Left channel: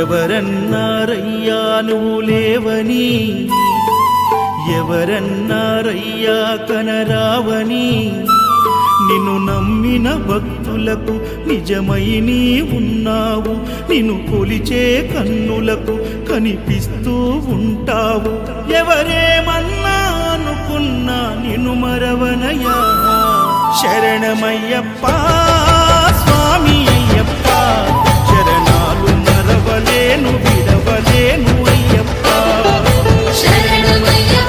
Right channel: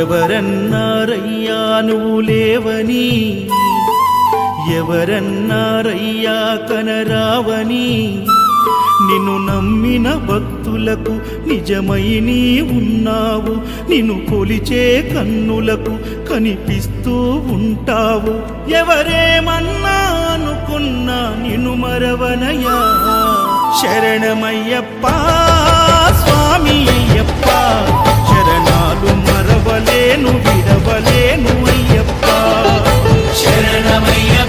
ఎవరన్నారయ్యా నువ్వు లేవని, ఎవరన్నారయ్యా కనరావని, నిన్ను నమ్మిన భక్తులకు నిజమై నీ ఉన్నావు, నిన్ను కొలిచే కన్నులకు కనిపిస్తూ ఉంటావు. ఎవరేమన్నా అనుకున్నా నిన్ను మరవనయ్యా. శరణమయ్యప్ప స్వామి అయ్యప్ప, శరణాలు మరవలేను విడవలేను అయ్యప్ప. శరణమయ్యప్ప